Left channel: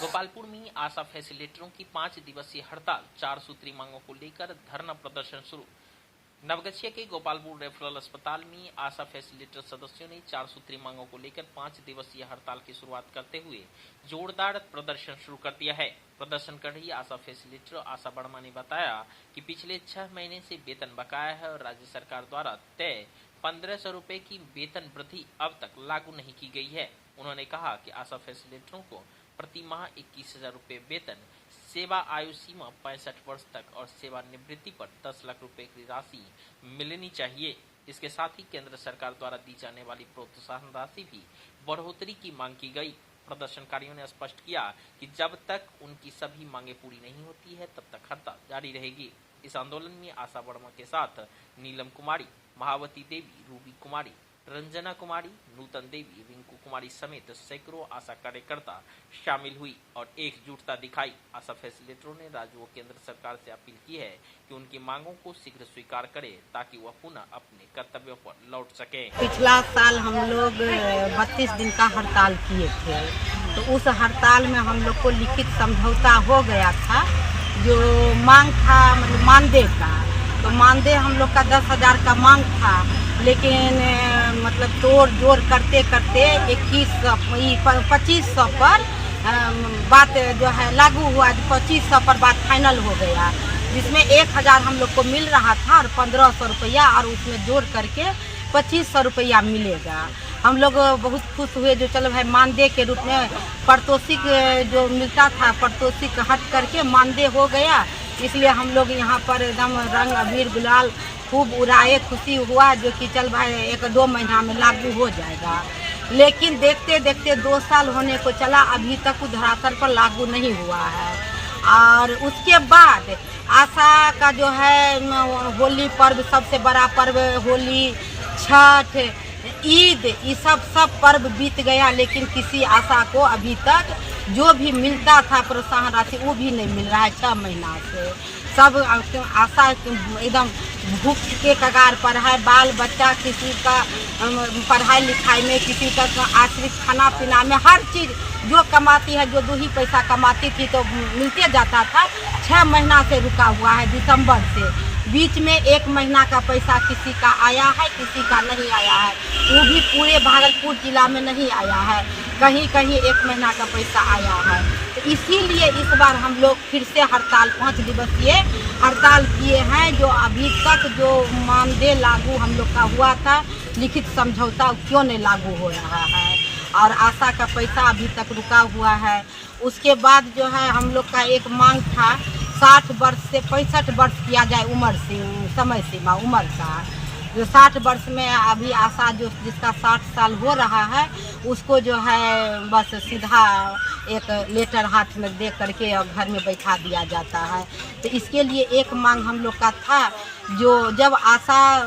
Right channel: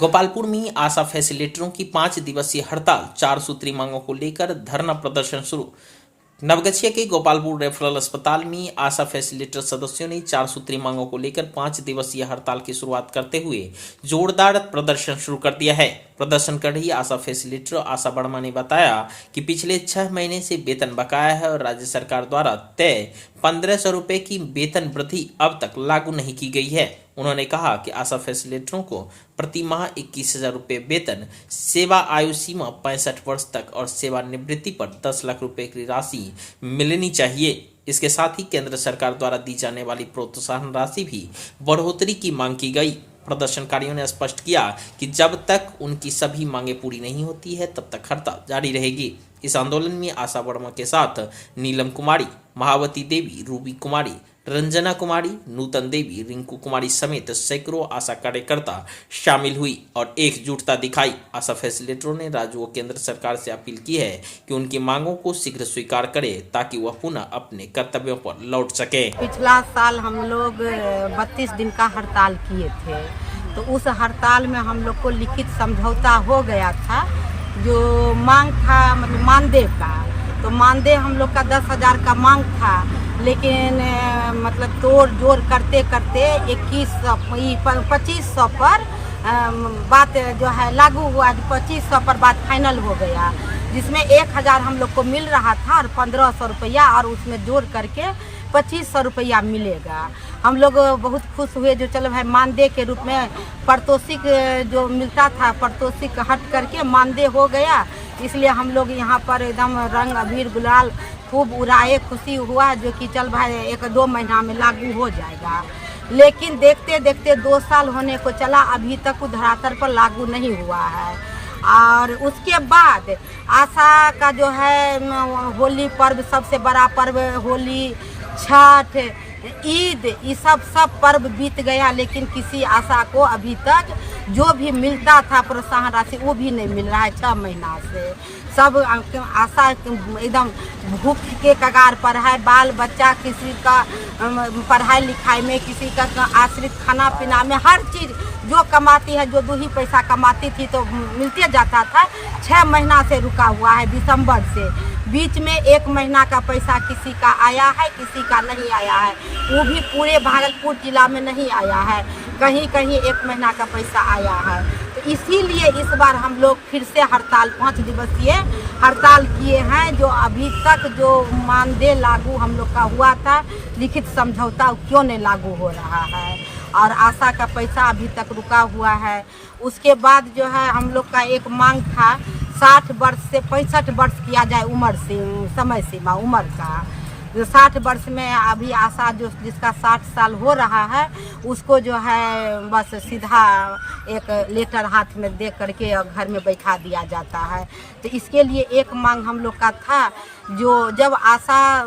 गोपालपुर में आशा फैसिलिटेटरों की 5 दिवसीय हड़ताल, 4 सूत्री मांगों को लेकर धरना प्रदर्शन शुरू। नवगछिया के गोपालपुर रेफरल अस्पताल में आशा फैसिलिटेटर सदस्यों ने 4 सूत्री मांगों को लेकर 5 दिवसीय हड़ताल की शुरुआत करते हुए जोरदार प्रदर्शन शुरू कर दिया है। प्रदर्शन कर रही आशा फैसिलिटेटर आशा वर्मा ने बताया कि पिछले 6 महीने से वेतन बकाया है और राज्य सरकार द्वारा तय 1500 रुपये की वेतन वृद्धि अब तक लागू नहीं की गई है। उन्होंने कहा कि आशा फैसिलिटेटरों को प्रति माह 21,000 रुपये वेतन, सेवा आयु सीमा 65 वर्ष तक और सेवानिवृत्ति पर 10 लाख रुपए की राशि मिलनी चाहिए। इसके साथ ही केंद्र सरकार द्वारा दी जाने वाली प्रोत्साहन राशि भी बढ़ोतरी की मांग की गई। प्रदर्शनकारियों ने स्पष्ट किया कि जब तक उनकी सभी मांगे पूरी नहीं होती है तब तक हड़ताल जारी रहेगी। इस आंदोलन में आशा वर्मा के साथ नीलम कुमारी, महावती देवी, रूबी कुमारी, रंजना कुमारी, नूतन देवी, रिंकू कुमारी समेत सैकड़ों आशा कार्यकर्ता शामिल हुई और एकजुटता दिखाई। आशा फैसिलिटेटरों ने राज्य व केंद्र सरकार से अपील की है कि उनकी मांगों को शीघ्र स्वीकार करे ताकि वह पुनः अपने कर्तव्यों पर लौट सके। पिछला साल हम लोग 32 दिन का हड़ताल किए थे, तो उस हड़ताल में हम लोग को लिखित समझौता हो गया था। जो मांग था मतलब मानदेय का, तो मानदेय हम लोग का 10,000 का मांग था, लेकिन मतलब तोड़ जोड़ करते करते 2500 पर बात जो है लागू हुआ। 2500 पर बात फाइनल हो गया, जिसमें 1,000 हम लोग को मिल रहा था और 1500 रुपया और उसमें जोड़ करके 2500 रुपया मिलेगा। हम लोग बहुत खुश हुए, जो चलो भाई मानदेय के रूप में पारितोषिक जो मिलता था पारितोषिक हट करके मानदेय हो गया। इसलिए हम लोग यहाँ पर एकदम रंग अबीर गुलाल खूब उड़ाए, खुशी हुआ जो कि चल भाई 1-2 महीना में लागू हो जाएगा। लेकिन देखते देखते 2 साल होने को चला, अभी तक धरातल पर लागू नहीं हुआ है। और उसके बाद आशा का जो है होली पर्व, सबसे बड़ा पर्व होली, छठ, ईद, ये सब पर्व बीत गया, लेकिन किसी आशा को अभी तक जो भी मिलता था प्रोत्साहन राशि वो भी नहीं मिल रहा है। 6 महीना से सब आशा एकदम भूख के कगार पर है। बाल बच्चा किसी का पढ़ाई लिखाई में, किसी का आश्रित खाना पीना में, हर चीज़ जो कमाती है, जो 2 ही पैसा कमाती थी तो मिलते जाता था। 6 महीना से रुका हुआ है, दिसंबर से। बीच में 1 महीना का पैसा किसी का आया है, किसी का नहीं आया है। वो भी पूरे भागलपुर जिला में नहीं आया है, कहीं कहीं 1 महीना का पैसा आया है। तो इसीलिए इस बार हम लोग फिर से हड़ताल 5 दिवसीय हड़ताल किए हैं। जो अभी तक जो मानदेय लागू हम लोग का हुआ था, लिखित समझौता क्यों नहीं लागू हो रहा है, और आशा का पैसा अभी तक रुका हुआ है। उसके बाद जो है हम लोग का एक मांग था 60 वर्ष से 65 वर्ष किया जाए उम्र से, समय सीमा उम्र का। जो 60 वर्ष में अभी आशा जो जिसका 60 साल हो रहा है उसको जो है बस सीधा एक लेटर हाथ में दे करके और घर में बैठा दिया जाता है। तो इसके लिए एक मांग हम लोग का था, जो जब आशा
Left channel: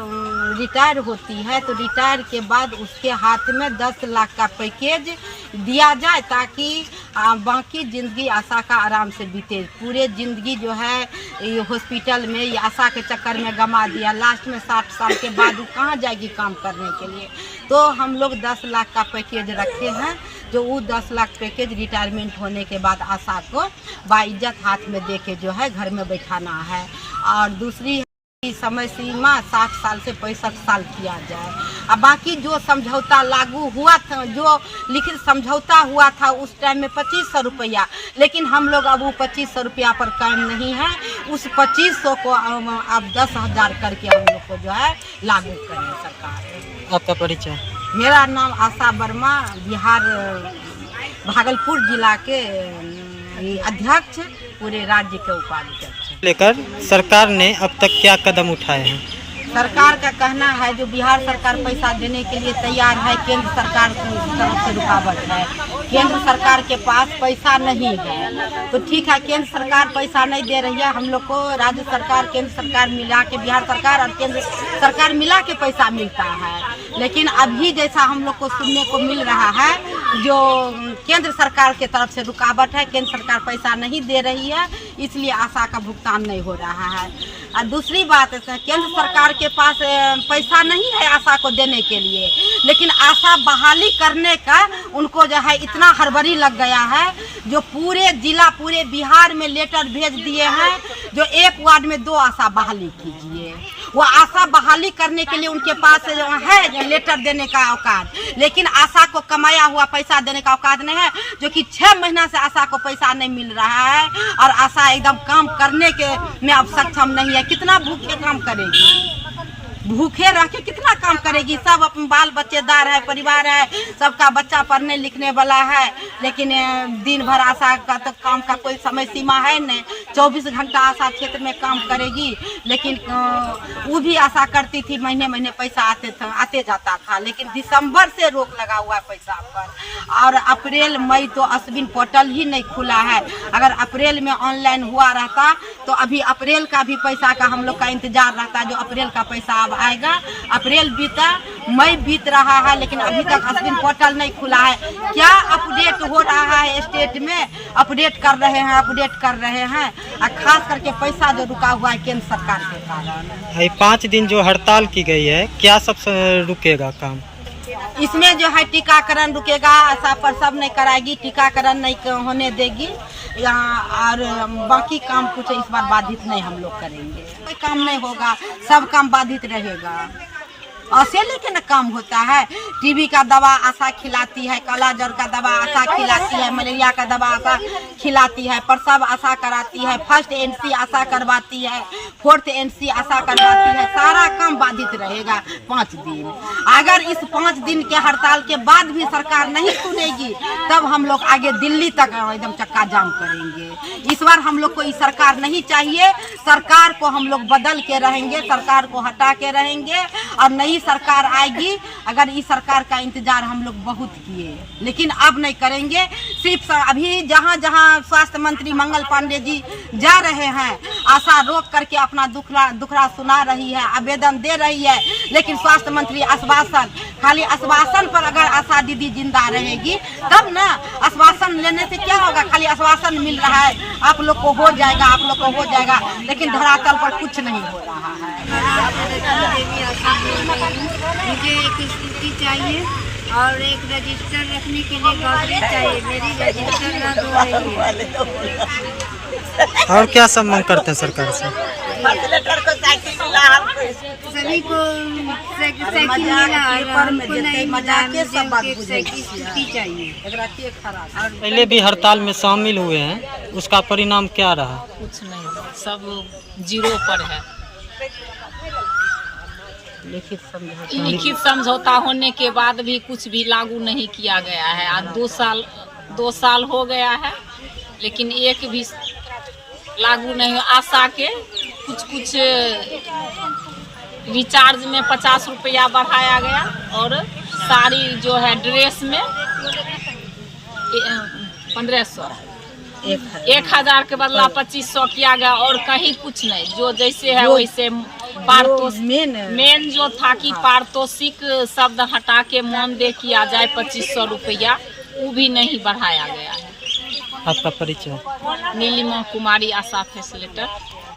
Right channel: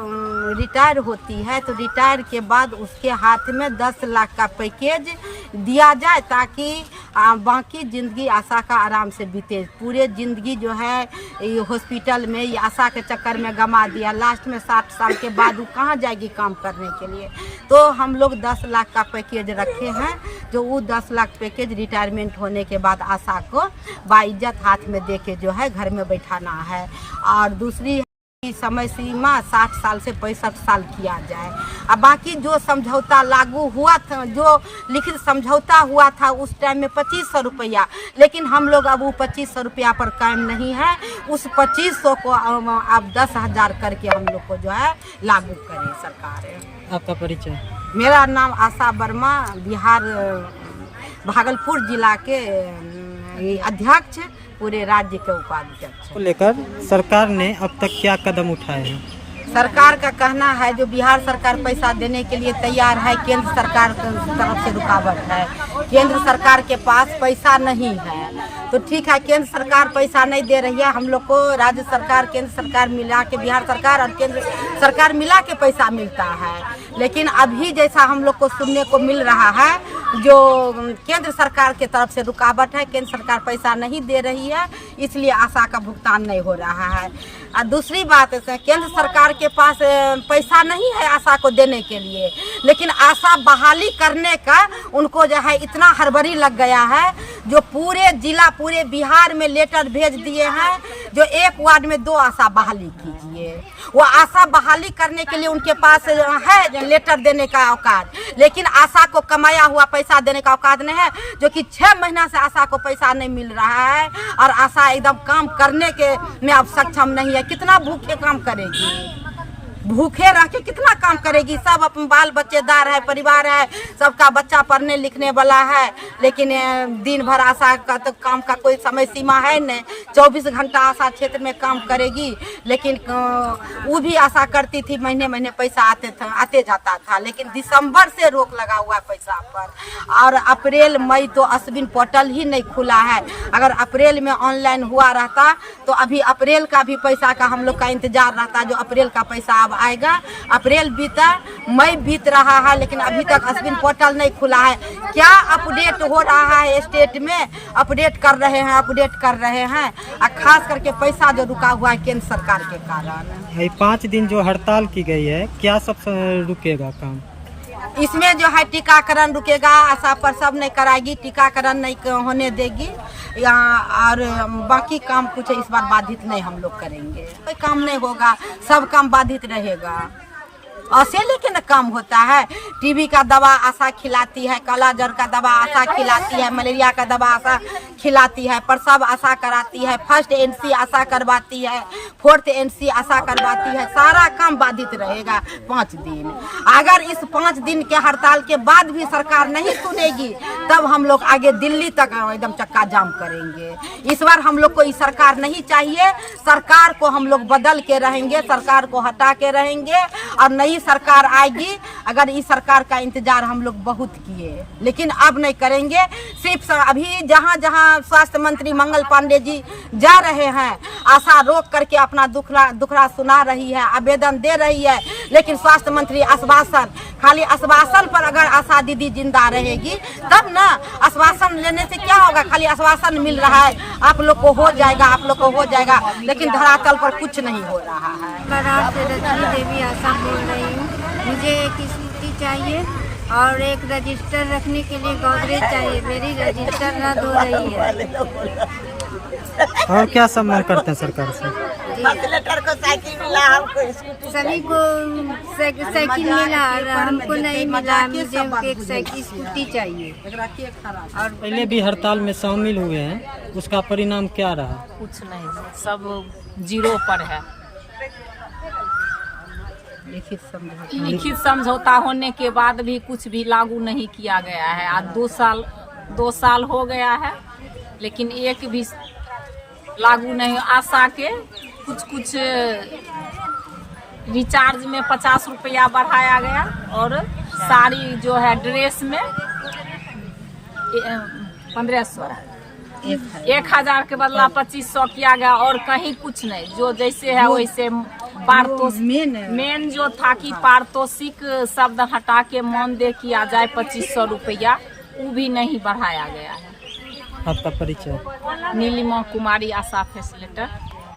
रिटायर होती है तो रिटायर के बाद उसके हाथ में 10 लाख का पैकेज दिया जाए, ताकि बाकी ज़िंदगी आशा का आराम से बीते। पूरे ज़िंदगी जो है ये हॉस्पिटल में ये आशा के चक्कर में गंवा दिया। लास्ट में 60 साल के बाद वो कहाँ जाएगी काम करने के लिए। तो हम लोग 10 लाख का पैकेज रखे हैं, जो वो 10 लाख पैकेज रिटायरमेंट होने के बाद आशा को बाइज्जत हाथ में दे के जो है घर में बैठाना है। और दूसरी समय सीमा 60 साल से 65 साल किया जाए। अब बाकी जो समझौता लागू हुआ था, जो लिखित समझौता हुआ था उस टाइम में 2500 रुपया, लेकिन हम लोग अब वो 2500 रुपया पर कायम नहीं है। उस 2500 को अब 10,000 करके हम लोग को जो है लागू करें सरकार। आपका परिचय? मेरा नाम आशा वर्मा, बिहार भागलपुर जिला के अध्यक्ष, पूरे राज्य के उपाध्यक्ष। लेकर सरकार ने अब तक क्या कदम उठाए हैं? सरकार का कहना है जो बिहार सरकार पैसा देने के लिए तैयार है, केंद्र सरकार की तरफ से रुकावट है। केंद्र सरकार के पास पैसा नहीं है, तो ठीक है केंद्र सरकार पैसा नहीं दे रही है, हम लोग को राज्य सरकार केंद्र सरकार मिला के, बिहार सरकार और केंद्र सरकार मिला के पैसा मिलता है। लेकिन अभी जैसा हम लोग को सुनने को मिल रहा है, जो केंद्र सरकार के तरफ से रुकावट है, केंद्र सरकार पैसा नहीं दे रही है, इसलिए आशा का भुगतान नहीं हो रहा है। और दूसरी बात, केंद्र सरकार के पास पैसा नहीं है आशा को देने के लिए, लेकिन आशा बहाली करने का उनको जो है इतना हड़बड़ी लग गया है जो पूरे जिला पूरे बिहार में लेटर भेज दिए हैं जो एक वार्ड में 2 आशा बहाली कीजिए। वो आशा बहाली करने के लिए उनके पास है लेटर देने का औकात, लेकिन आशा को कमाया हुआ पैसा देने का औकात नहीं है, जो कि 6 महीना से आशा को पैसा नहीं मिल रहा है और आशा एकदम काम करने के में अब सक्षम नहीं है। कितना भूखे काम करेगी, भूखे रह के कितना काम करेगी। सब अपने बाल बच्चेदार है, परिवार है, सबका बच्चा पढ़ने लिखने वाला है, लेकिन दिन भर आशा का तो काम का कोई समय सीमा है नहीं। 24 घंटा आशा क्षेत्र में काम करेगी, लेकिन वो भी आशा करती थी महीने महीने पैसा आते जाता था, लेकिन दिसंबर से रोक लगा हुआ है पैसा पर। और अप्रैल मई तो अश्विन पोर्टल ही नहीं खुला है। अगर अप्रैल में ऑनलाइन हुआ रहता तो अभी अप्रैल का भी पैसा का हम लोग का इंतजार रहता, जो अप्रैल का पैसा आएगा। अप्रैल बीता, मई बीत रहा है, लेकिन अभी तक अश्विन पोर्टल नहीं खुला है। क्या अपडेट हो रहा है स्टेट में, अपडेट कर रहे हैं और खास करके पैसा जो रुका हुआ है केंद्र सरकार के कारण। ये 5 दिन जो हड़ताल की गई है, क्या सब रुकेगा काम? इसमें जो है टीकाकरण रुकेगा, आशा प्रसव नहीं कराएगी, टीकाकरण नहीं होने देगी यहाँ, और बाकी काम कुछ इस बार बाधित नहीं हम लोग करेंगे। कोई काम नहीं होगा, सब काम बाधित रहेगा। ऐसे लेकिन काम होता है। टीबी का दवा आशा खिलाती है, काला जर का दवा आशा खिलाती है, मलेरिया का दवा आशा खिलाती है, प्रसव आशा कराती है, फर्स्ट एनसी आशा करवाती है, 4th एनसी आशा करवाती है। सारा काम बाधित रहेगा 5 दिन। अगर इस 5 दिन के हड़ताल के बाद भी सरकार नहीं सुनेगी तब हम लोग आगे दिल्ली तक एकदम चक्का जाम करेंगे। इस बार हम लोग को ये सरकार नहीं चाहिए। सरकार को हम लोग बदल के रहेंगे, सरकार को हटा के रहेंगे और नई सरकार आएगी। अगर इस सरकार का इंतजार हम लोग बहुत किए, लेकिन अब नहीं करेंगे। सिर्फ अभी जहां जहां स्वास्थ्य मंत्री मंगल पांडे जी जा रहे हैं, आशा रोक करके अपना दुखड़ा सुना रही है, आवेदन दे रही है, लेकिन स्वास्थ्य मंत्री आश्वासन, खाली आश्वासन पर अगर आशा दीदी जिंदा रहेगी तब ना। आश्वासन लेने से क्या होगा, खाली आश्वासन मिल रहा है आप लोग को हो जाएगा, आप लोग को हो जाएगा, लेकिन धरातल पर कुछ नहीं हो रहा है। मुझे एक स्कूटी चाहिए और एक रजिस्टर रखने के लिए गोदरेज चाहिए। मेरी रजिस्टर रद्द हो रही है। और क्या सब मांग करते हैं सरकार से? सभी को साइकिल मिला और हमको नहीं मिला। मुझे एक साइकिल स्कूटी चाहिए। और पहले भी हड़ताल में शामिल हुए हैं, उसका परिणाम क्या रहा? कुछ नहीं, सब 0 पर है। लिखित समझौता होने के बाद भी कुछ भी लागू नहीं किया गया है। आज 2 साल हो गया है, लेकिन एक भी लागू नहीं। आशा के कुछ रिचार्ज में 50 रुपया बढ़ाया गया और साड़ी जो है ड्रेस में 1500, 1000 के बदला 2500 किया गया और कहीं कुछ नहीं। जो जैसे है वैसे मेन जो था कि पारितोषिक शब्द हटा के मानदेय किया जाए 2500 रुपया, वो भी नहीं बढ़ाया गया है। आपका परिचय? नीलिमा कुमारी, आशा फैसिलिटेटर।